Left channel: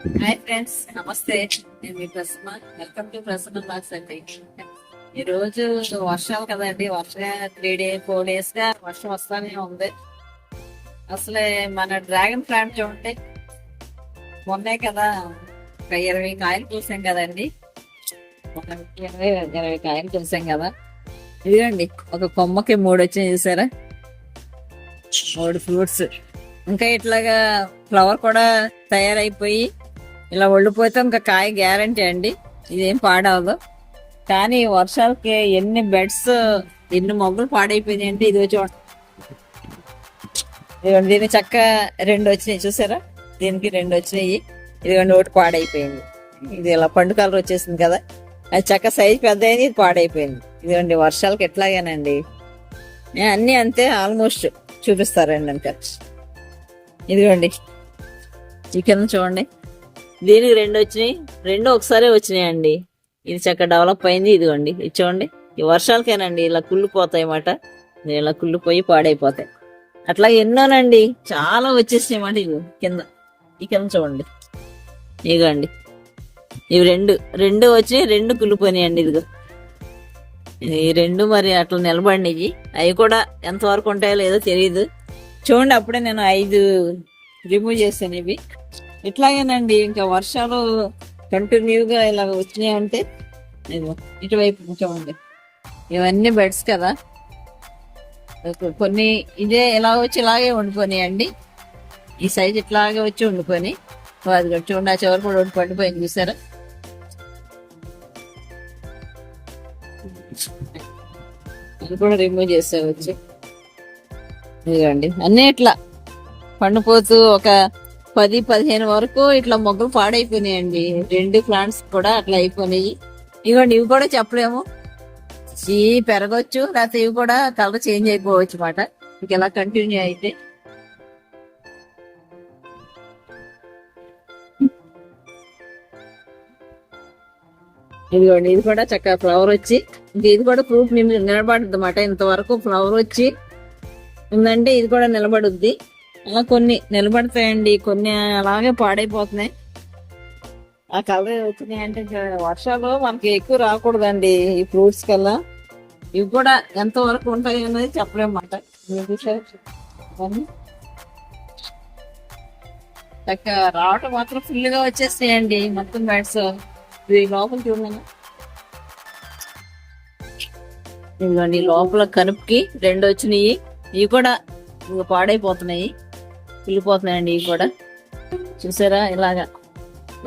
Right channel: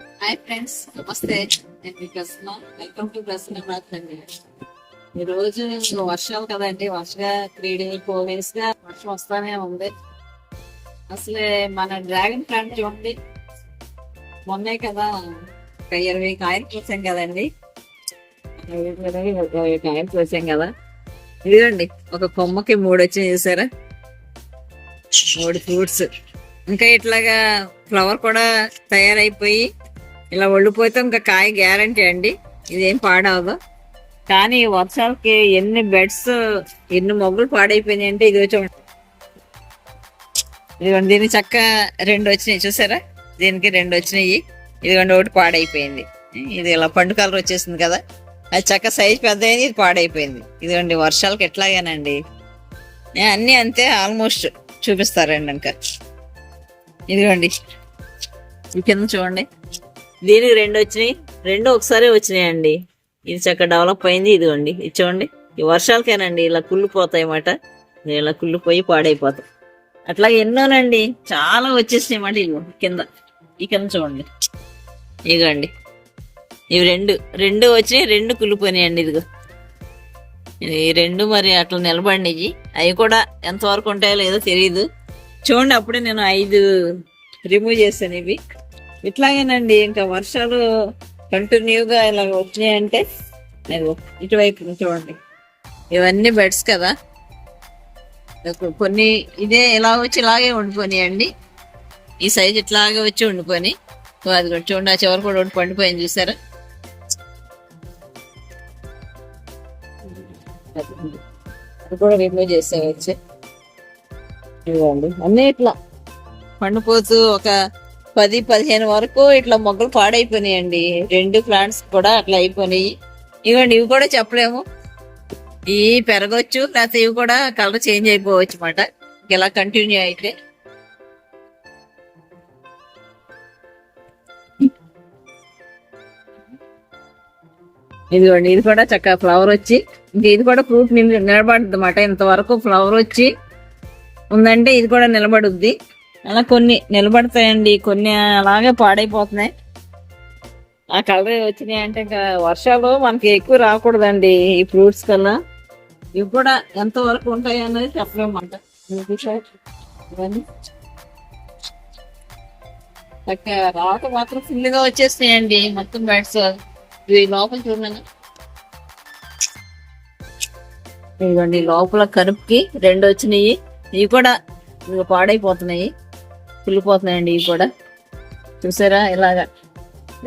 Hi friends, నమస్తే. నేను మీ Prasanna. Welcome to Prasanna blogs అండి. ఈ రోజు వర్షాలు కదండి. వర్షంగా 4 days గా వర్షం వస్తానే ఉంది. అసలే మన డ్రాగన్ ప్లాంట్ చూడండి, మొన్నే కదా ఒక 20 కాయలు కోసాం కదండి. మొన్న వీడియోలో 20 కాయలు కోసాం కదా. ఇదిగోండి, ఒక కొమ్మకి 3 వచ్చాయి చూసారా, 3 ఫ్రూట్స్. ఇంకా ఇట్లాగా ఫ్లవర్ కూడా తయారైపోయి ఇలా ఒళ్ళిపోతే ఇంకా కాయ గ్యారంటీ అండి. ఇదేం పాడవదు. కానీ వర్షాలకి ఎన్ని బెడ్స్, ఎన్ని మొగ్గులు పాడైపోయినాయి అంటే ఇది చూడండి. ఇదిగోండి, దీన్ని చక్క 2 వచ్చినాయి చూసారా, దీనికి 2 వచ్చినాయి. ఇదిగోండి, ఒకటి పాడైపోయింది. ఇది ఇలా పండు కలర్ వచ్చేసింది కదా, అది చక్క సైజ్ పెద్ద అయింది, ఇది పాడైపోయింది. ఇదిగోండి, వర్షాలకి ఎట్లాగానండి. అన్నీ అంతే ఆల్మోస్ట్ చూపిస్తారండి. ఇంకా ఇదిగోండి, ఈ కింద చూడండి, దీనికి 2 వచ్చినాయి, 2 ఒకసారి వచ్చినాయండి. ఇది చక్కగా డెవలప్ అయింది. ఇదిగోండి, ఇది చూడండి. ఈ వర్షాలకేనండి ఇలా కుళ్ళిపోతాయి అన్నమాట. ఇలా కుళ్ళిపోయి పాడైపోతాయి. అట్లా ఎన్నోనండి, చాలా వచ్చేసినాయి అన్నమాట. ఇదిగో కింద, ఈ కింద చూడండి. ఇదిగోండి, ఇవి 2 వచ్చినాయి, 2 కుళ్ళిపోయినాయండి. ఇదిగో ఈ 2 మరి అట్లా నిలబడినాయి. అవి కూడా ఎంతవరకు ఉంటాయో లేదో తెలియదు. చూడండి, అప్పుడే నేను 5 రిమూవ్ చేశాను. ఇవి ఇట్లాగేనండి. ఇంకా వర్షాలు కంటిన్యూగా ఇలా వచ్చినాయంటే ఇటువైపు చూడండి, ఇవన్నీ బెడ్స్ కదా. కొన్ని ఇదే ఇలా వచ్చి ఇలాగే ఉండిపోయినాయండి. ఈ సైజ్ ఇట్లాగే వచ్చి ఉండిపోయి, అది కూడా చూడండి, ఆ చివరి కూడా ఒకటి పండిపోయింది చూసారా. అది కూడా రిమూవ్ చేసే వచ్చి. ఇదిగోండి, అన్నీ ఇట్లా పండిపోతూ ఒక 10-15 వరకు ఇట్లా మొగ్గలు పాడైపోయినాయండి. 2 ప్లాంట్స్ కూడా అట్లా అయిపోయినాయి. ఇవ్వండి, ఇవి కూడా చెప్పలేము, ఇవి పెరగచ్చు, లేకపోతే ఇవి కూడా కలర్ చేంజ్ అయిపోవచ్చు అన్నమాట. ఇంకెలా కంటిన్యూ అయితే. ఇదిగోండి, ఇది కూడా చక్కగా ఫ్లవర్ వచ్చి, ఇంక ఇది కూడా ఫ్రూట్ నిలబడుద్ది అన్నమాట. ఇంతవరకు ఫ్లవర్ వచ్చి ఉందంటే ఇది కూడా నిలబడుద్ది. అలా కొన్ని నిలబడతాయండి, కొన్ని అలాగే పాడైపోతున్నాయి. ఆ కలర్ వచ్చినాయి అంటే ఇంకా వర్షాలు మనకి ఎక్కువ రాకూడదండి ఈ ఫ్రూట్స్ కల్లా. ఇవి కూడా ఎంత వరకు ఉంటాయి అన్నది చెప్పలేమన్నమాట. ఇవన్నీ చక్కగా రావటం మాత్రం ఫుల్గా వచ్చేస్తాయండి మొత్తం బెడ్స్. ఇవి లోపల చూడండి, ఇవ్వండి లోపల కనుపుకి 2 వచ్చినాయి. ఇవి కూడా ఇక పాడైపోతున్నాయి, కుళ్ళిపోతున్నాయండి. ఇవి కూడా చూసారా.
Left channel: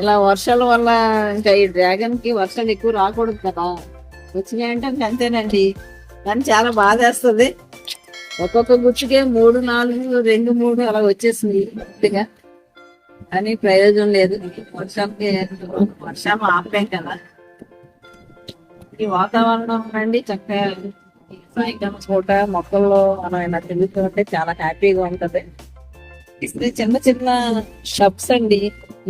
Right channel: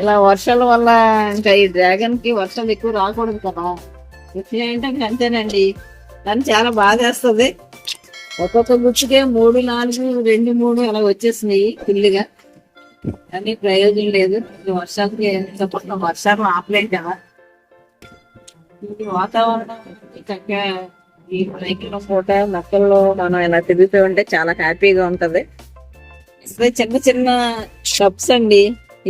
ఇలా వర్షాల వల్ల ఇంకా ఈ డ్రాగన్ కి వర్షాలు ఎక్కువ రాకూడదు కదా, వచ్చినాయంటే ఇంకా అంతేనండి. కానీ చాలా బాధేస్తుంది. ఒక్కొక్క గుచ్చుకే 3, 4, 2, 3 అలా వచ్చేసినాయి ఫుల్గా. అని ప్రయోజనం లేదు. ఇది వర్షాలకి వర్షాలు ఆపలేం కదా. ఈ వాతావరణం అండి చక్కగా ఈ సాయంకాలం పూట మొక్కల్లో మనం ఇలా తిరుగుతూ ఉంటే చాలా హ్యాపీగా ఉంటది. ఇక్కడ చిన్న చిన్న షప్స్ అండి.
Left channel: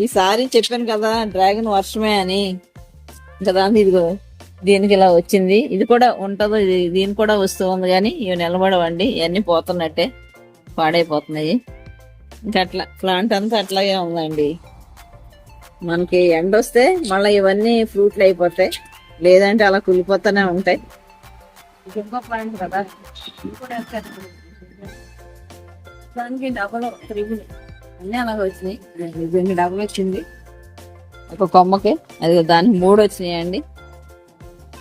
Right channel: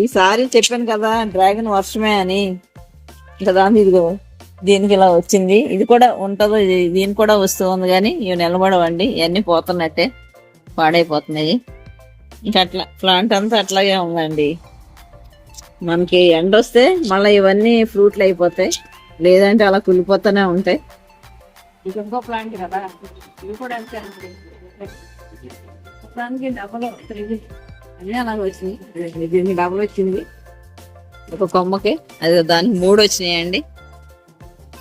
ఈసారి చెప్పాను కదా డ్రాగన్ వర్షమే అని కదా. ఇదిగో దీనికి ఇలా వచ్చింది, ఇది కూడా ఉంటదో, దీనికి కూడా వస్తుంది. కానీ ఇవి నిలబడవండి, ఇవన్నీ పోతున్నట్టే పాడైపోతున్నాయి. ఇంకా అట్లా ప్లాంట్ అంతా అట్లాగే ఉందండి. మనకి ఎండ వస్తే మళ్ళీ ఇవన్నీ ఫ్రూట్లు అయిపోతాయి, లేదంటే అలా కుళ్ళిపోతూనే ఉంటాయి. ఇది ఇంకో ప్లాంట్ కదా, ఇది కూడా దానికి డబల్ 3 అన్నీ అలాగే వచ్చినాయి. దీనికి డబల్ వచ్చింది ఒక కొమ్మకి, అది దానికి 3 వచ్చినాయండి.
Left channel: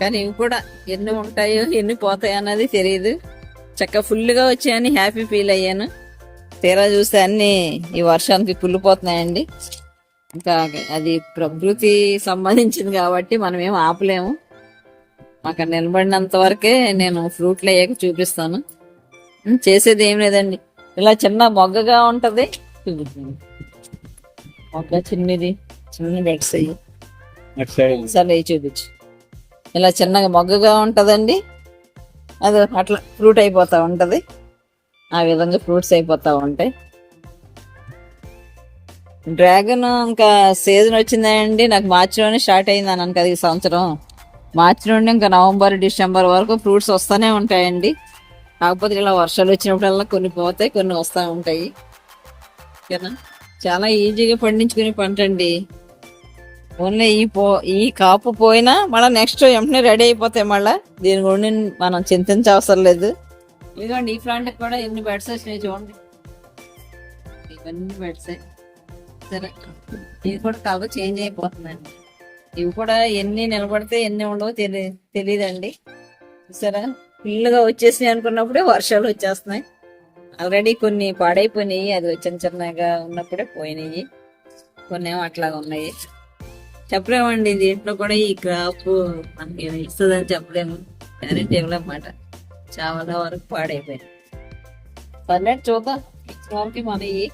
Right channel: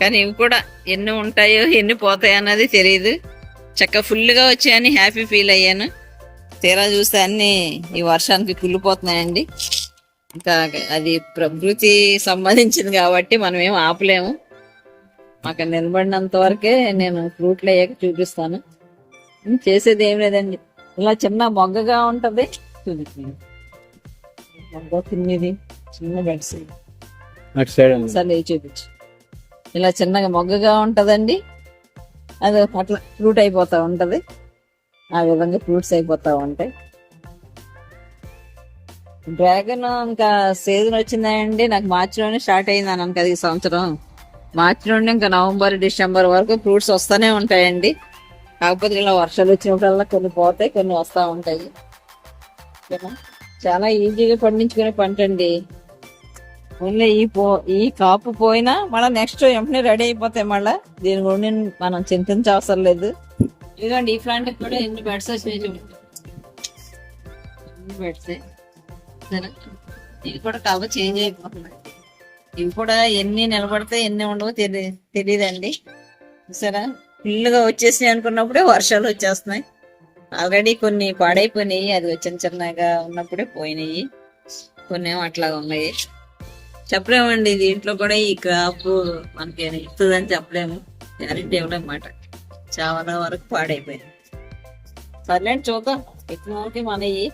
కానీ ఇవి కూడా ఎన్ని ఉంటాయో ఎన్ని పోతాయో అన్నది తెలియదు. చక్కగా ఫుల్గా వచ్చాయని హ్యాపీ ఫీల్ అయ్యాను. తీరా చూస్తే అన్నీ ఈ వర్షానికి కుళ్ళిపోతున్నాయండి. ఇంకా అది ప్రకృతి సంబంధించింది కాబట్టి మనం ఏం ఆపలేము. అక్కడ నిలబడినంత వరకే నేను ఫ్రూట్లు అయ్యాక చూపిస్తాను. చేసేది ఏం లేదండి. ఇలా చిన్న మొగ్గగా ఉంటది, మొగ్గ చిన్నది, చిన్న బెడ్స్ అయ్యి సరే చూపించు. ఇలా చిన్నగా మొగ్గగా ఉంటదండి, అది అట్లా ఫ్రూట్ అయిపోతా ఉంటది. ఆ విధంగా ఫ్రూట్స్ అయిపోతా ఉంటాయి. డ్రాగన్ ఇంకా సీజన్ వచ్చిందండి. నాకు మార్చిలోనే స్టార్ట్ అయింది అన్నాను కదా ఈ సంవత్సరం. మార్చి నుండి ఇంకా నవంబర్, డిసెంబర్ వరకు ఫ్రూట్స్ వస్తూనే ఉంటాయండి. కాకపోతే ఇలా వర్షాలు వచ్చినప్పుడల్లా కొన్ని పోతాయి, కొన్ని వస్తూ ఉంటాయి. ఓకేనా. చాలా ఈజీగా పండించుకునే పంట అండి. ఓన్లీ ఈ కాపు పోయినా మళ్ళీ నెక్స్ట్ వెంటనే రెడీ అయిపోతాయి. మళ్ళీ దీని గురించి మనం చింతించవసరం లేదు. ఇదిగోండి ఈ ప్లాంట్ కూడా ఎన్ని బెడ్స్ వచ్చినాయి చూడండి. ఇవన్నీ బెడ్స్. సరే ఇది కూడా కలర్ చేంజ్ అయిపోతుందండి. ఇవి కూడా ఎన్ని నిలబడితే ఎన్ని ఉండవో తెలియదండి. సరే ఫుల్గా వచ్చేసినాయి అనుకున్నప్పుడే వర్షాలు వచ్చేస్తున్నాయి. ఆల్రెడీ కొన్ని పాడైపోయినాయి, అది చిన్న చిన్నగా ఉన్నప్పుడే పోయినాయి. కొన్ని ఏమో అట్లాగా ఉన్నాయి. చెప్పలేమండి దీంట్లో కూడా ఈ క్రాప్ మనకి ఇస్తుందని చెప్పలేము, గ్యారెంటీ ఇవ్వలేమాట. చాలా వరకు పాడైపోయింది. సర్లేండి చూద్దాం, ఇచ్చిన వరకు మనవి.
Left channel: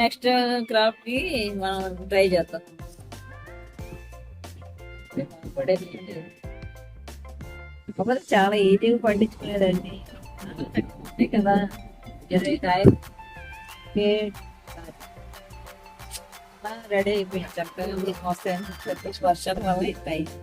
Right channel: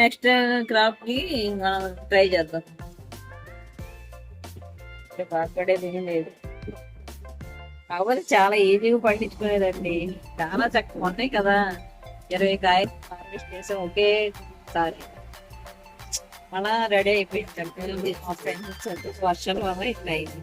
నెక్స్ట్ క్రాప్ కి మనం ట్రై చేద్దాం. బాధపడేది ఏం లేదు. కాకపోతే చాలా ఈజీగా పండించుకునేదండి. చాలా చక్కగా ఉన్నాయి కదా. 20 కాయలు హార్వెస్ట్ చేసాం ఒకేసారి. అలా రెడీ అయిపోయింది. చక్కగా వస్తాయని చెప్పేసి వర్షాల వల్ల ఇట్లా అయింది.